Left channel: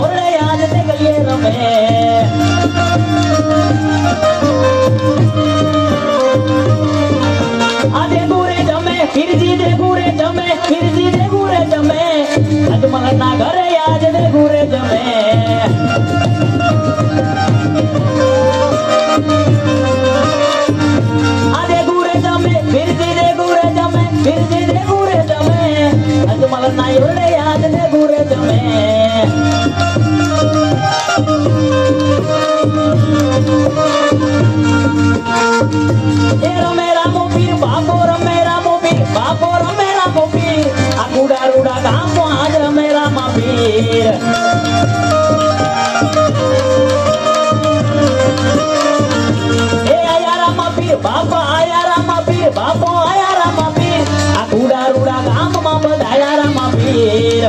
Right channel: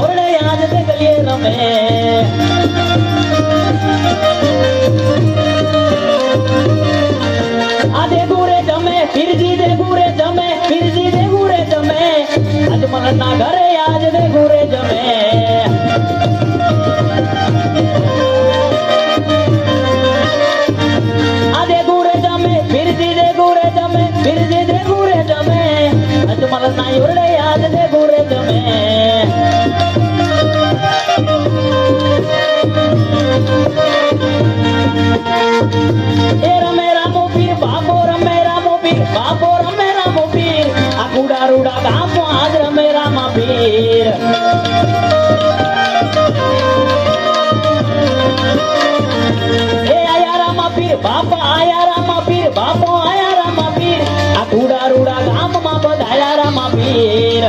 ઓરડે આજ તે ગલીએ રમે આદે ગુરે જમે ફિરજી દે ગુરે જમે ફિરજી દે ગુરે જમે અજમલના ઘરે આજ દે ગુરે જમે આદે ગુરે જમે ફિરજી દે ગુરે જમે ફિરજી દે ગુરે જમે અજમલના ઓરડે આજ દે ગુરે જમે એ રમે રામો પીર બાપો રમે રામો પીર બાપો રમે રામો પીર આ કુડા રૂડા ગામો આજ રમે રામા પીર એ આયા રામા પીર બાપા આયા રામા પીર બાપો આયા રામા પીર આ કુડા રૂડા ગામમાં બધાયા રામા પીર